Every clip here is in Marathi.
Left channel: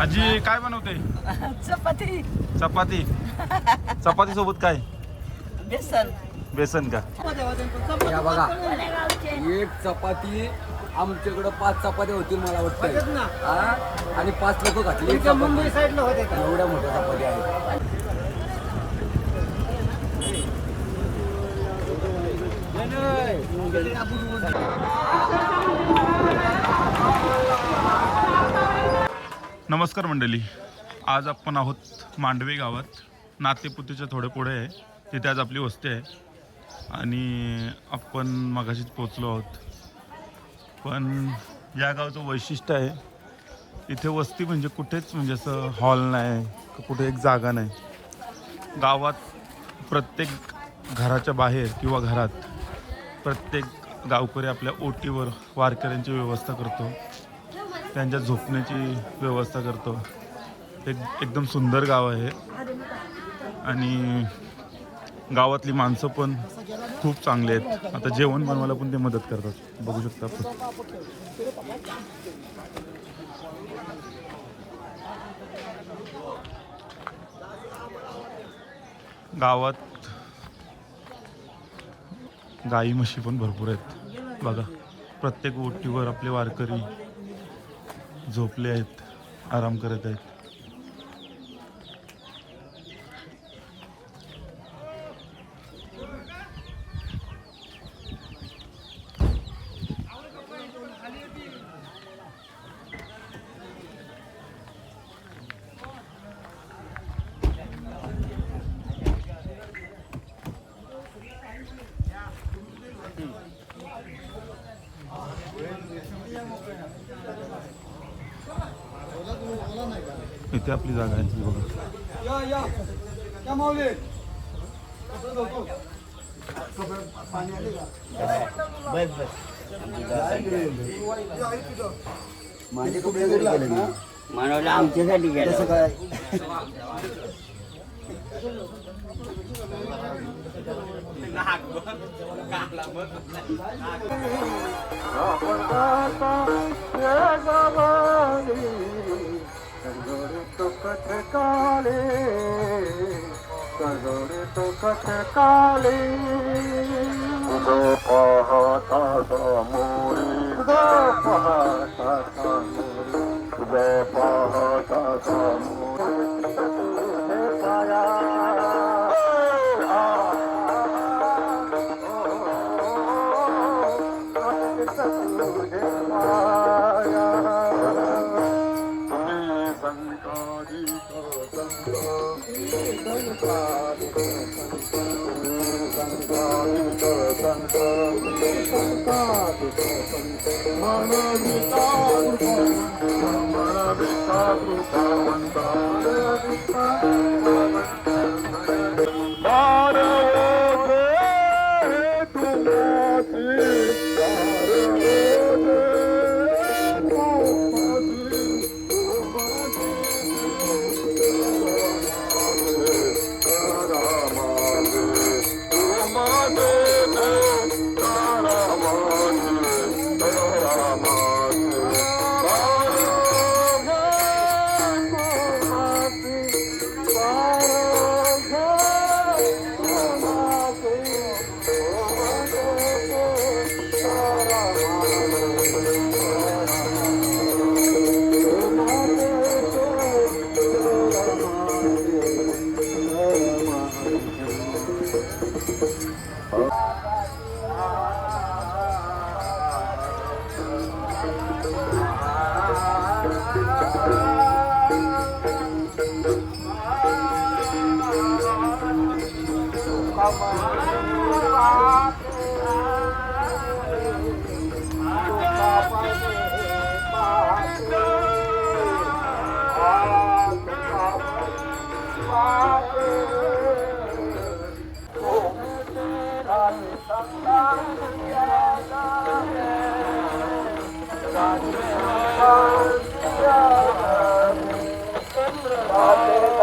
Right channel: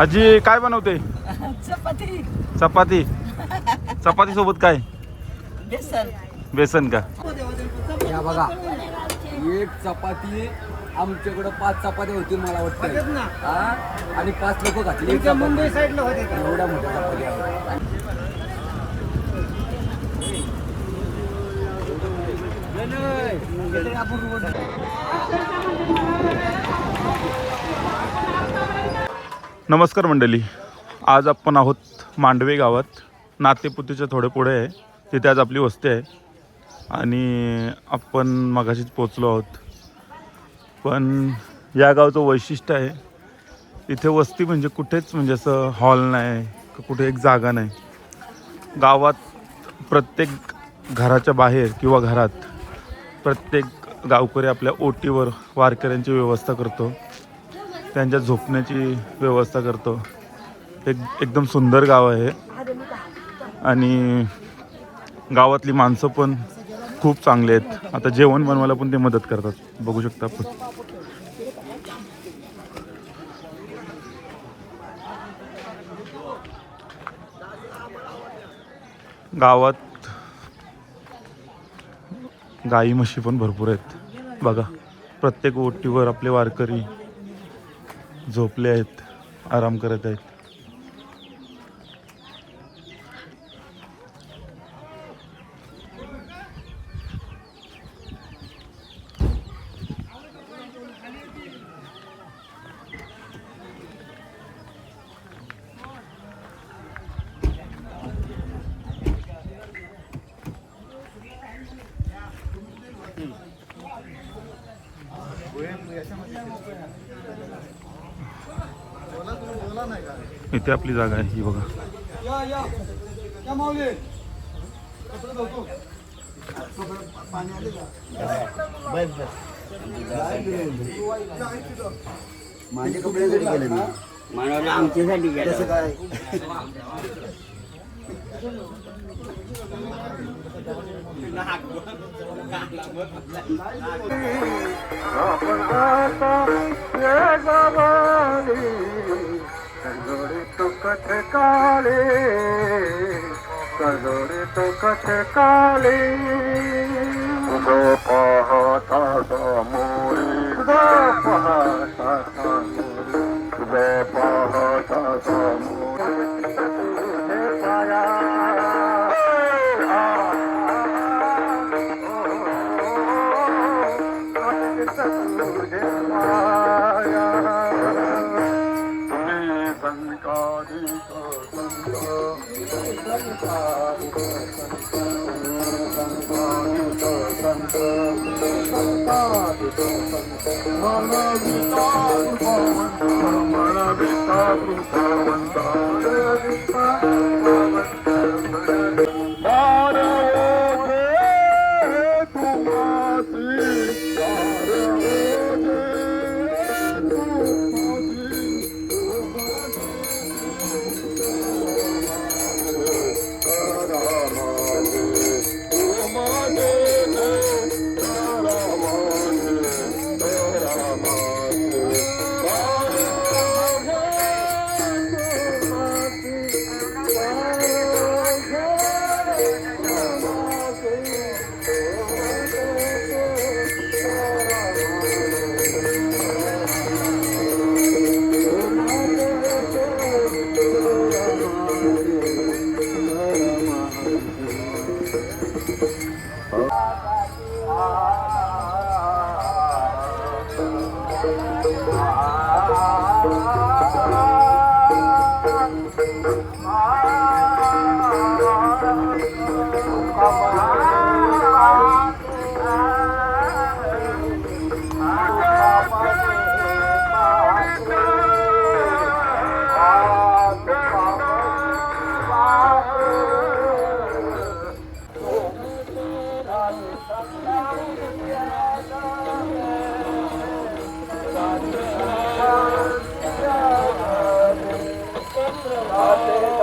आजी काय बनवते? चपाती. चपाती. चपाती सोबत काय? बेसन. बेसन का? या बघा, एक चपाती आमच्याकडे 5 चपात्या होतील मला वाटतं, आणि 5 लोक घातली एक चपाती. एवढ्या मोठ्या चपात्या आहेत. नमस्कार मंडळी, आज आपण आहोत मांडवे गावात. नातेपुतीच्या थोडे पुढे आहे, तिथे आज आपली वस्ती आहे आणि आपण मगाशीच पोचलो आहोत. पण या गावचं वैशिष्ट्य आहे, इथे वस्ती म्हणजे कुठेच म्हणजे असं हॉल नाही, कुठे एक जागा नाही. गावात प्रत्येक घराच्या बाहेर किंवा घरात प्रत्येक गावकरी आपल्या ओटीवर वारकऱ्यांची व्यवस्था करतो, त्यांच्या झोपण्याची व्यवस्था करतो. एकदम सुंदर गाव आहे आणि गावातली माणसं पण खूप चांगले आहेत. आता जेवण बनवायला पण ते मदत करतात, बघू शकता आपण. गावात गाई म्हशी पण भरपूर आहेत बघा. प्रत्येक ओटीवर आपले वारकरी झोपले आहेत, आराम करत आहेत. इथे आपली जागा आहे ही बघा. माझे कपडे घरी गेले ना, मानवला आमच्यासाठी गेलं काय. कजोरे तो कथ काले, कजोरे तो कथ काले, जो पाहता समोरे, जो पाहता समोरे, जो पाहता समोरे, तुझे पाया तुझे पाया. चंद्र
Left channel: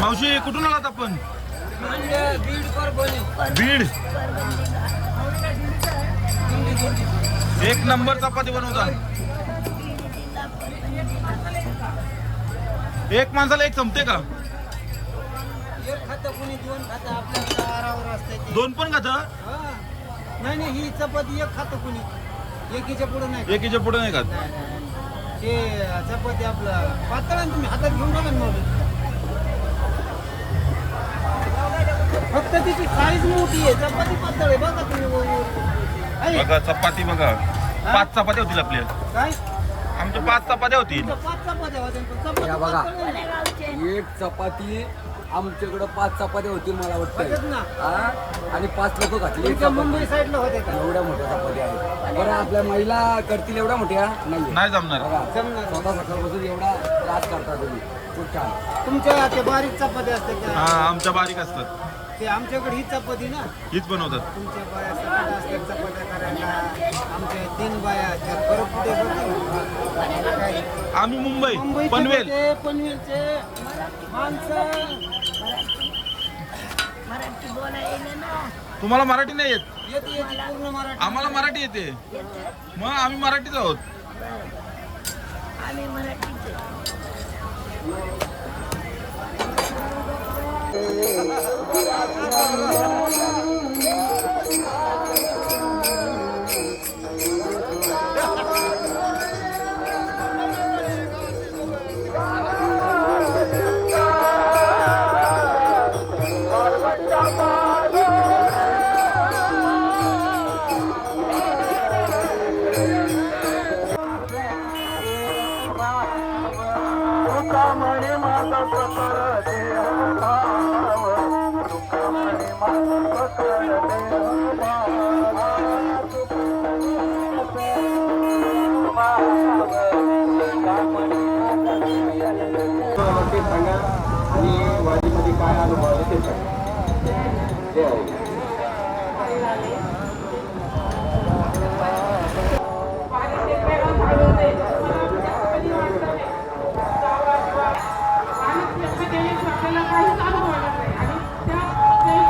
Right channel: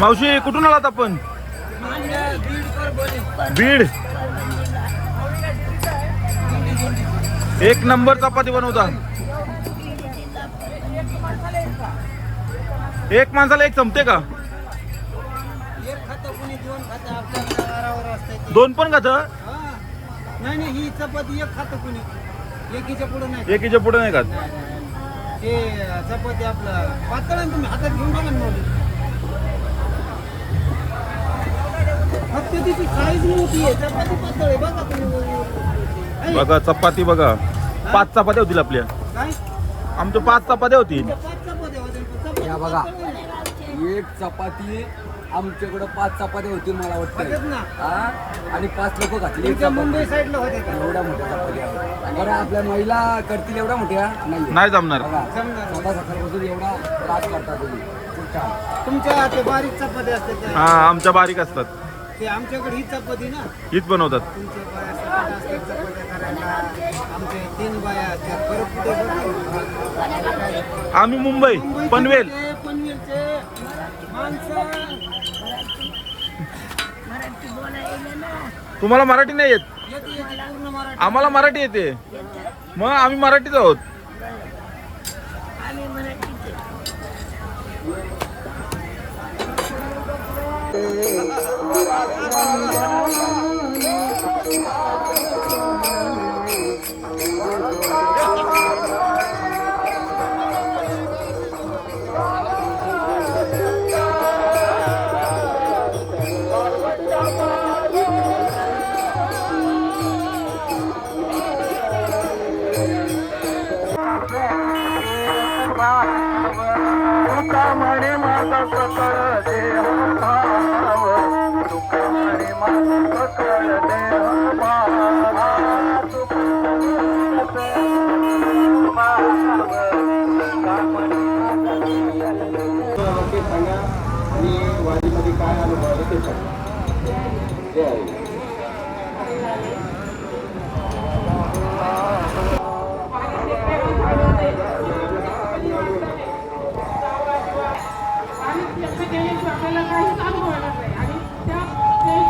मावशी कुठून आलात आपण? बीड. एक नंबर चपाती बनवता. एक माणसाला एक संपते का? एक खातं कुणी दोन खातं आपल्या आरावर असते ते. दोन पण खात? हा. नाही ही चपाती एक खातं कुणी एकीच्या पुढे नाही एकीच्या पुढे नाही खात. ते चपाती आपलं पातळ आहे, तुम्ही हातात घेऊन बघा ना माऊली. फक्त तिची साईज मोठी आहे, चपाती पातळ आहे बघा तुम्ही. बघा चपाती बघा, 5 चपात्या होतील आपल्या. काय आमच्या 5 चपात्या होतील. 5 चपात्या होत्या, पण चपाती या बघा. पातळ आहे. एक चपाती आमच्याकडे 5 चपात्या होतील मला वाटतं. बघत ना. हा? आणि 5 लोक घातली एक तुमच्या मुंबई चपाती. साईडला होते का? एवढ्या मोठ्या चपात्या आहेत. बरं आपल्या महिला करतील एवढ्या मोठ्या नाही. नाही जमणार. बघा जमणार. स्वतः सकाळपासून एवढा त्रास करता तुम्ही. खूप छान. तुमच्या ते बारीक चपात्या असतात हा त्या. आमच्या बारीक असतात, ते आमच्याकडे ही चपाती ना. हीच बनवतात. तुमच्या बाया सकाळ असतात चपात्या करायला. आमच्या 3 बाया असतात. परत कुठे बघा. आम्ही मुंबई पनवेल. पनवेलचे माणसं. मराठी बोलायला ना तुम्हाला मराठी नाही येत? येते पूर्ण मराठी. आम्हाला मराठी येते. येतं. मग आम्ही मराठीच आहोत. आम्ही मराठीचे. ते सांगा आणि वारीमध्ये काय अनुभव आले ते सांगा. जय हरी. आपल्याला काहीच अनुभव आला नाही आणि त्या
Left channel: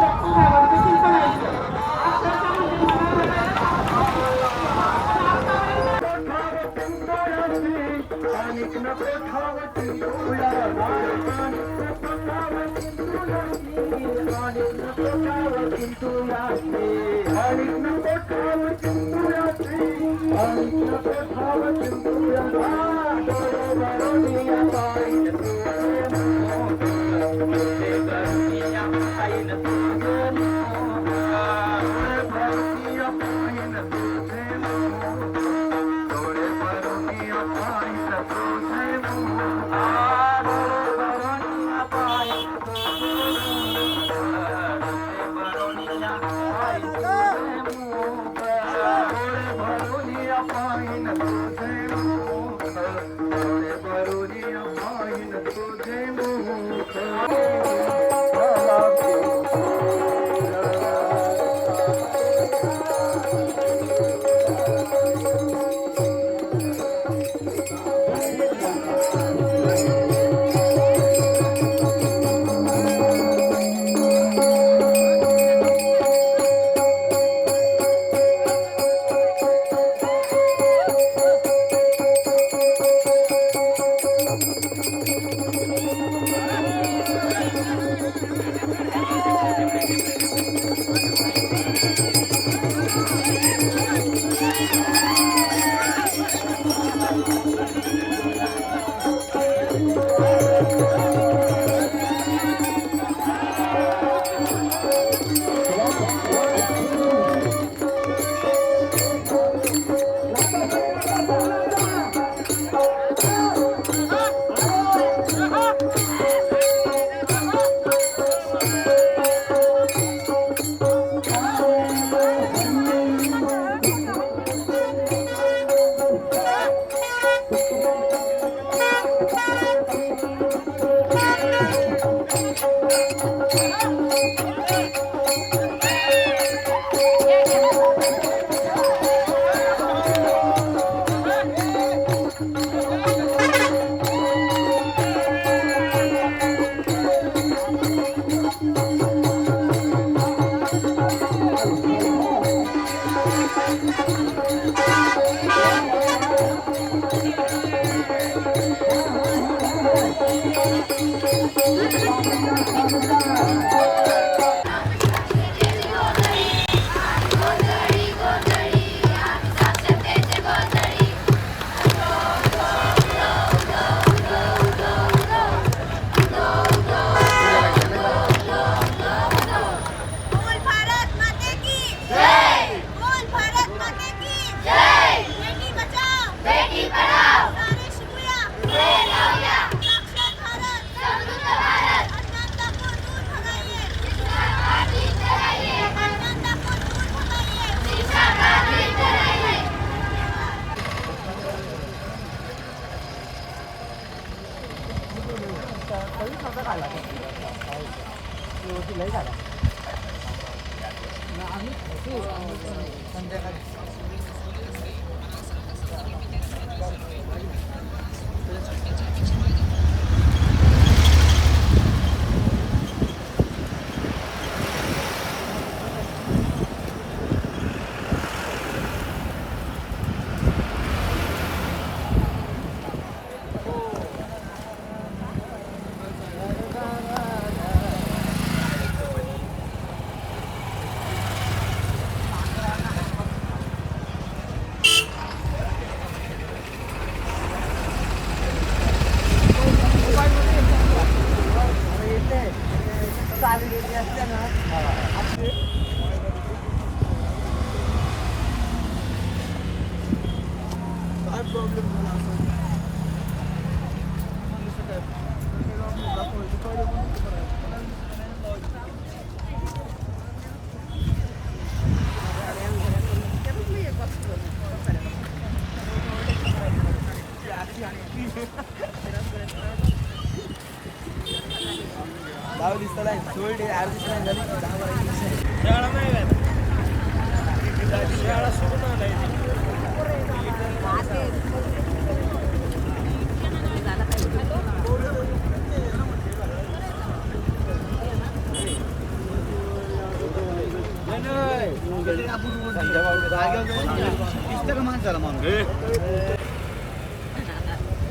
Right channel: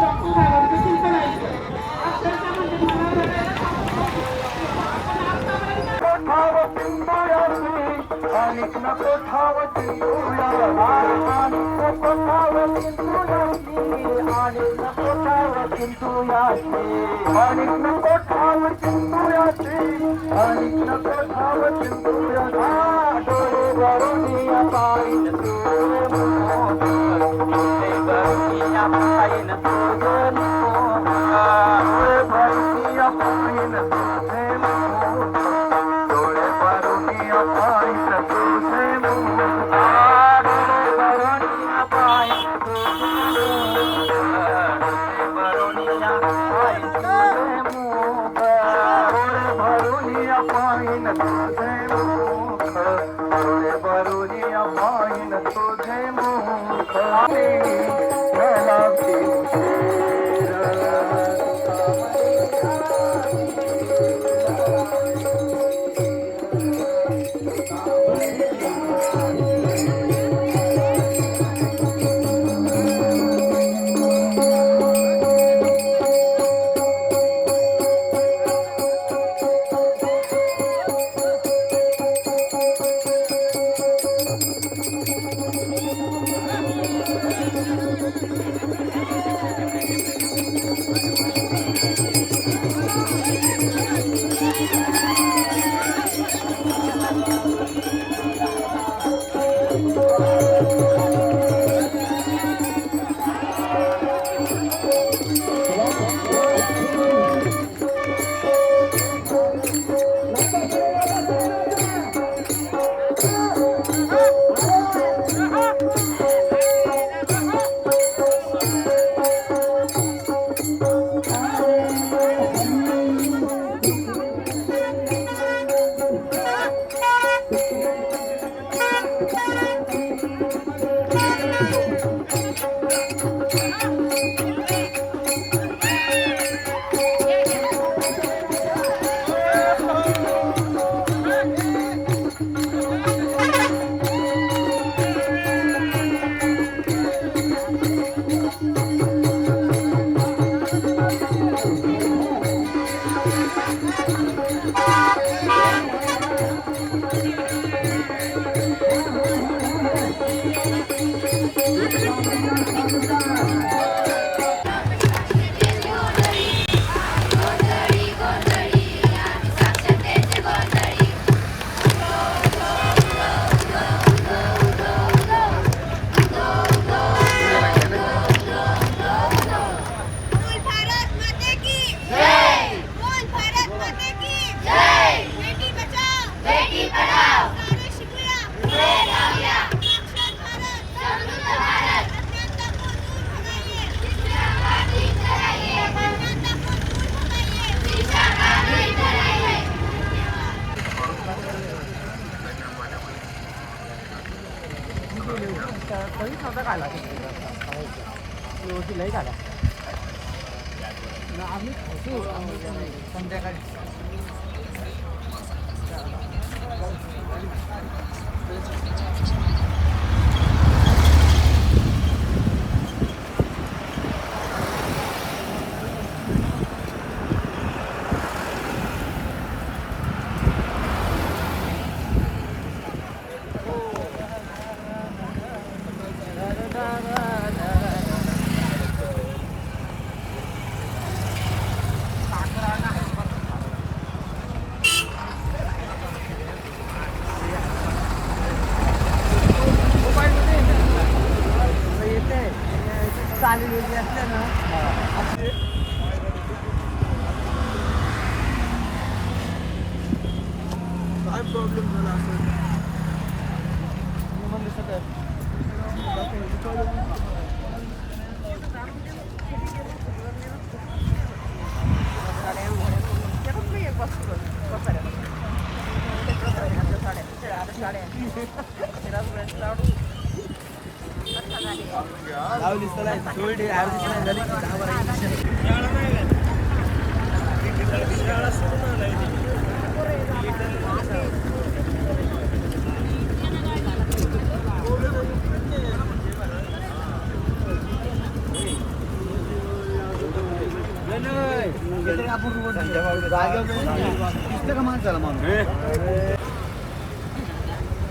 डॉक्टर साहेबांचं चिंतन ऐकलं. अक्षरशः म्हणजे मला रडायला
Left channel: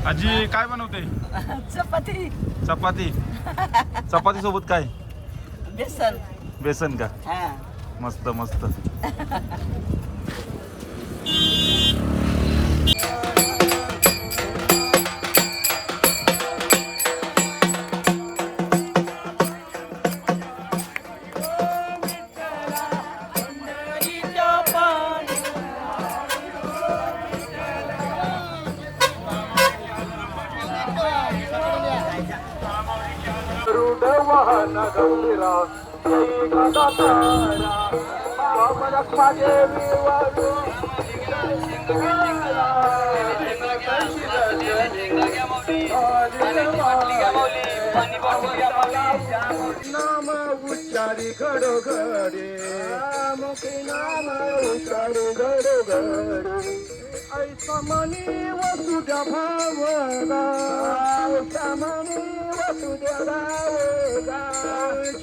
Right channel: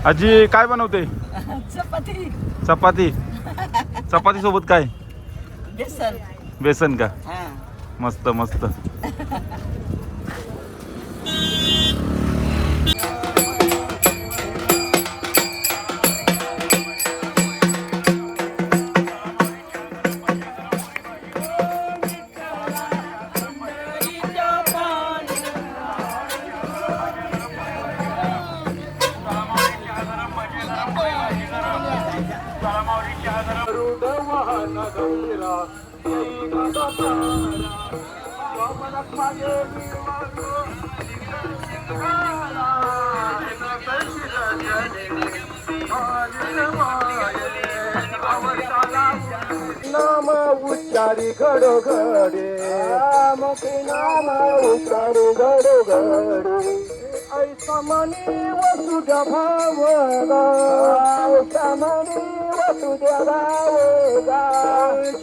आजी काय बनवते? चपाती चपाती. चपाती सोबत काय? बेसन. बेसन का? हा. मस्त मस्त. नाम उच्चारी घडोघडे मुखी नाम उच्चारी घडोघडे ऐसा मनी वसुद्या भावना ऐसा मनी वसुद्या भावना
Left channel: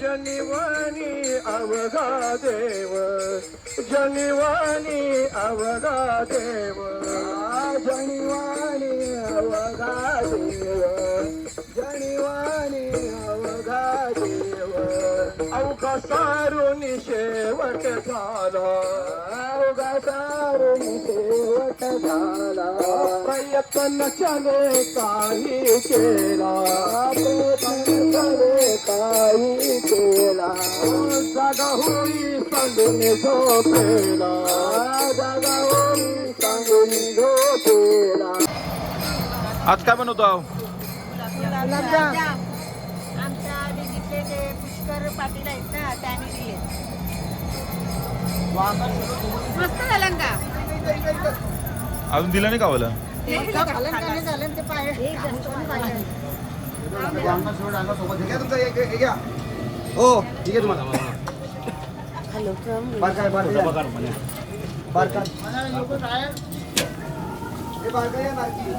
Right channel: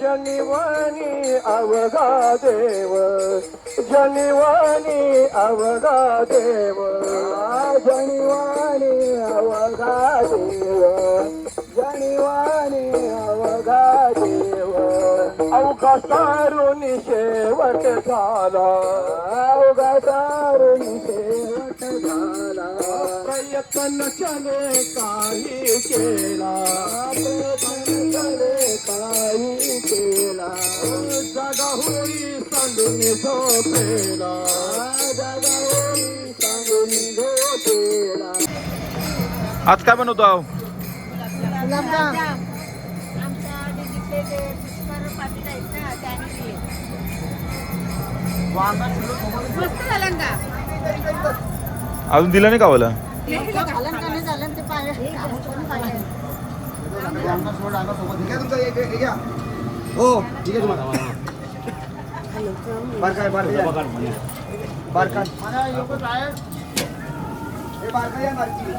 जनिवानी अवघा देव जनिवानी अवघा देव जनिवानी अवघा देव जनिवानी अवघा देव अवघा सारून शेवट झाला अवघा सारून शेवट झाला प्रयत्नाने काही केला प्रयत्नाने काही केला जागा होई सांगून झोपेला जागा होई सांगून झोपेला. आज काय बनवतो आहो? आमच्या दिल्लीतले ते पुष्कर पाटील आहेत ना त्याने दिले. मस्त झालं का? अजून दिलं नाही का मला? घालन का नाही झालं ते पाहिजे. हो ठीक आहे तुम्हाला बारकाय बारकाय बारकाय हे बारकाय या बारकी